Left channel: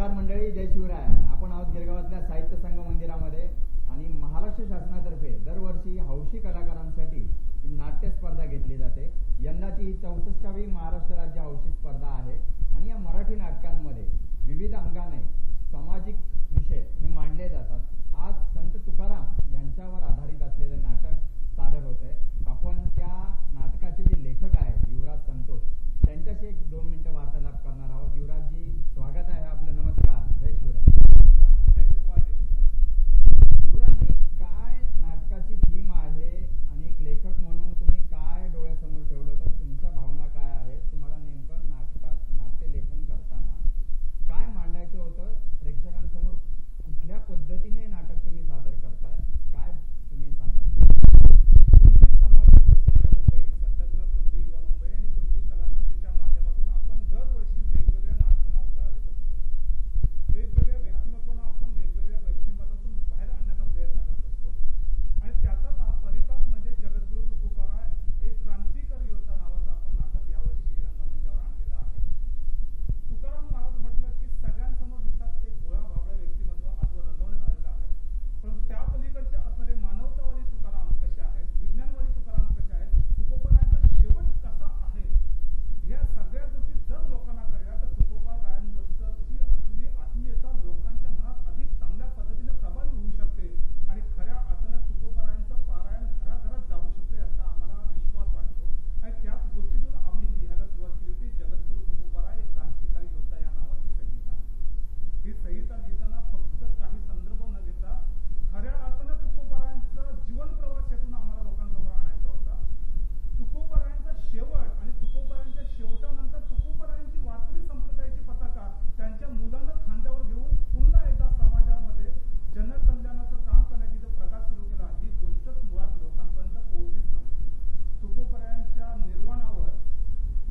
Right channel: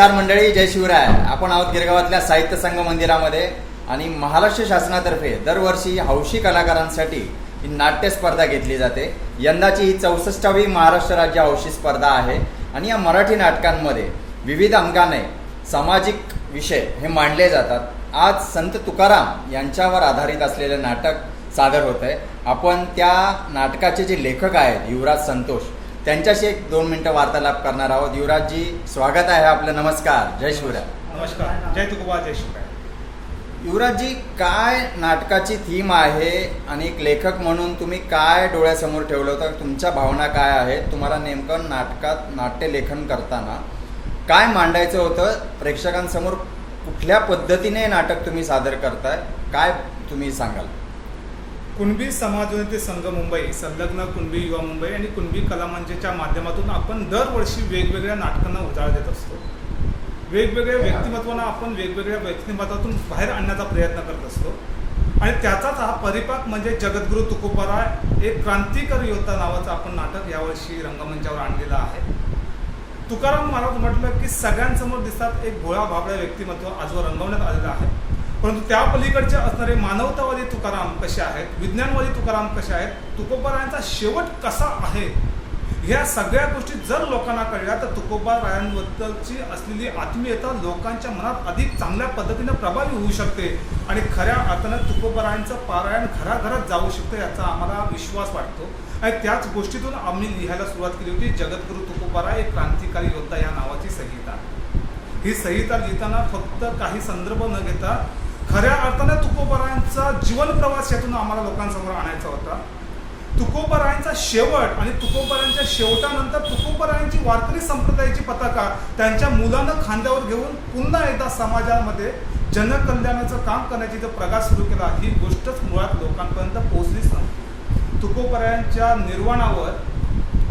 नमस्कार मंडळी जय शिवराय. आपण आहोत गिरगावातल्या साहित्य संघ मंदिरामध्ये आणि महाराष्ट्र शासनातर्फे दरवर्षी हौशी कलाकारांसाठी ही नाट्य स्पर्धा घेतली जाते. यंदाची ही चौसष्टावी महाराष्ट्र राज्य हौशी स्पर्धा आहे आणि या मराठी नाटकांमध्ये विविध अंगाने सामाजिक विषय हे मांडले जातात. आज संत तुकाराम यांच्यावर आधारित असलेले नाटक सादर होत आहे आपण त्या नाटकाचे जे लेखक आहेत युवराज संतोष त्यांच्याशी एक दोन मिनिटं वार्तालाप करणार आहोत. युवराजजी स्वागत आहे आपलं. नमस्कार. जय शिवराय. नमस्कार. जय तुकोबा जय शिवराय. युवराजजी काय नाटकाची थीम आहे आणि एक लेखक म्हणून तुम्ही काय डोळ्यासमोर ठेवलं होतं? तुमच्या भावना काय आहेत? तुम्हाला नेमकं नाटकात नाट्यलेखन करताना काय मांडायचं होतं? प्रेक्षकांसमोर कुठल्या पद्धतीने नाटक तुम्ही सादर करताय? काय तुम्ही सांगाल? कुणबी समाजोन्नती संघ मुंबई संलग्न कुणबी युवा मुंबई आणि कुणबी कलामंचच्या माध्यमातून आपण दरवर्षी वेगवेगळ्या नाटकांना उजाळा देत असतो. वेगवेगळ्या व्यक्तिमत्वांना आपण वेगवेगळ्या व्यक्तिमत्वातून बाहेर आणण्याचा प्रयत्न करत असतो. आणि त्याचाच हा परिपाक म्हणजे जगद्गुरु तुकोबाराय एक क्रांतिकारी योद्धा नावाचं आपण नाटक यावर्षी रंगमंचावर आणलेलं आहे. तुकाराम महाराज म्हटलं की सगळ्यांसमोर दिसतात एक भोळा भाबळ्या व्यक्तिमत्व आजवर रंगवण्यात आलेलं आहे. परंतु त्या पलीकडचे असणारे मानवतावादी तुकाराम कसे आहेत? विज्ञानवादी तुकाराम कसे आहेत? तुकोबारायांचा शेवट कसा आहे? ह्या सगळ्या गोष्टी जर लोकांना कळल्या तर तुकोबारायांबद्दलची असलेली आत्मीयता लोकांच्या मनात अधिक चांगल्या पद्धतीने प्रभावी होऊ शकते. आणि खऱ्या अर्थानं तुकोबारायांचं पारायण घराघरात जाऊ शकतं याचा आम्हाला विश्वास वाटतो. आणि त्याच गोष्टीतून आम्ही लिहायला सुरुवात केली होती जगद्गुरु तुकोबारा एक क्रांतिकारी योद्धा या नावाची संहिता. ही संहिता लिहिताना फक्त काही संदर्भ न घेता खऱ्या अर्थानं तुकोबरायांचा जीवन प्रवास यातून आम्हाला लोकांसमोर आणायचा होता. तुकोबरायांचा शेवट आणि तुकोबरायांच्या शेवटानंतर तुकोबरायांची वारकरी संप्रदायाची पताका त्यांच्या मुलानं खांद्यावर घेऊन पुन्हा एकदा समाजामध्ये जनकल्याणाचं काम करण्याची जो प्रगास सुरू केला ही गोष्टच मुळात लोकांपर्यंत पोहोचलीच नव्हती. तुकोबरायांच्या निर्वाणावर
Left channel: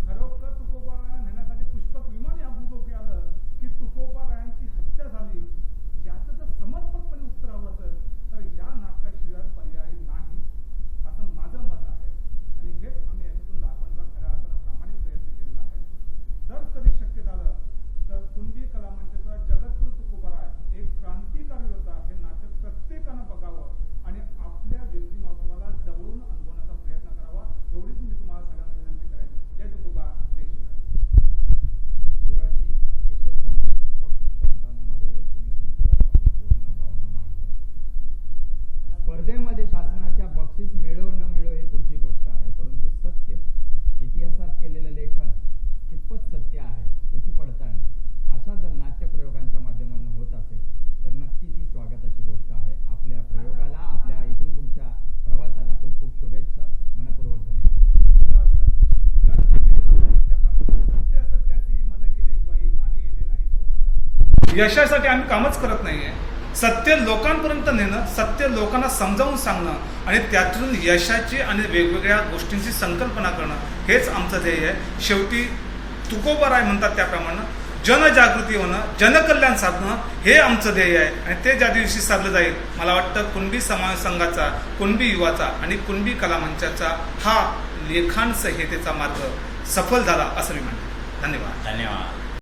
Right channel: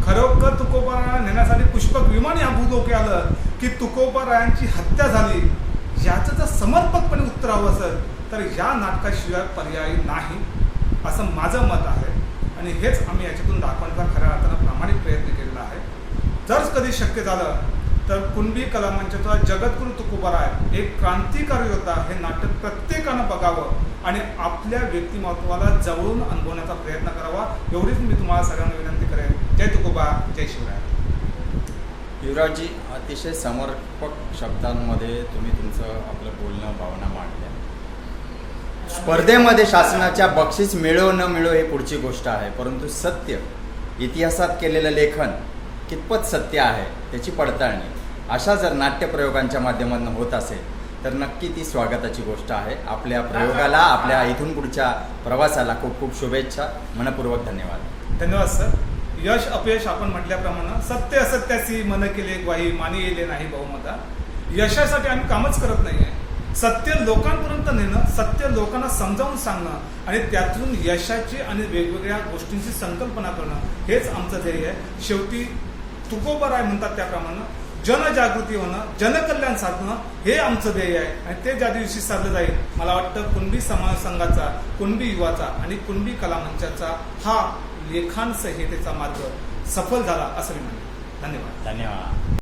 खरोखर तुकोबरायांना नेण्यासाठी पुष्पक विमान या भूलोके आलं की तुकोबरायांची हत्या झाली. याचं जर समर्पकपणे उत्तर हवं असेल तर या नाटकाशिवाय पर्याय नाही असं माझं मत आहे. आणि हेच आम्ही याच्यातून दाखवण्याचा खऱ्या अर्थानं प्रामाणिक प्रयत्न केलेला आहे. जर कधी शक्य झालं तर कुणबी कला मंचाचा जगद्गुरु तुकोबाराय एक क्रांतिकारी होता हे नाटक प्रत्येकानं बघावं आणि आपल्या व्यक्तिमत्वाला जवळून अनुभवण्याचा प्रयत्न करावा एवढीच मी तुम्हाला सगळ्यांना विनंती करेन. जय तुकोबा जय शिवराय. युवराजजी अतिशय समर्थ व्यापक शब्दांमध्ये तुम्ही तुमचं आपलं बोलणं भावना मांडल्या. स्पर्धेमध्ये शासनाच्या बक्षीस मिळो न मिळो ही पुढची गोष्ट आहे. परंतु सत्य इतिहासात केलेलं लेखन कितपत सत्य आहे त्याची पडताळणी. अशा जर नाट्यप्रयोगांच्या माध्यमातून होत असेल तर नक्की ती स्वागताची गोष्ट आहे. आपल्या प्रयोगाला आपल्या इथून पुढच्या प्रवासाला खूप खूप शुभेच्छा. मनपूर्वक धन्यवाद. धन्यवाद सर. यश अपयश आपण म्हटल्याप्रमाणे सत्य असत्याशी मन केले ग्वाही मानी येले नाही बहुमता यशासाठी आम्ही कामच करत नाहीये. सत्य लोकांपर्यंत नेणं सत्य लोकांना समजावून सांगणं आणि त्यातून यशाची आणि वेगवेगळ्या गोष्टींची संकल्पना करणं हेच आमचं ध्येय आहे. शेवटी तुकोबराय म्हणतात त्याप्रमाणे जनजागृती होणं जनकल्याण साधणं हे आमचं ध्येय आहे. आणि ते ज्या दिवशी साधलं जाईल मला वाटतं कुणबी समाज संघाचा कुणबी युवाचा आणि कुणबी कला मंचाचा हा लेखांसहितेचा मार्ग सफल झाला असं मी म्हणेन. धन्यवाद. धन्यवाद.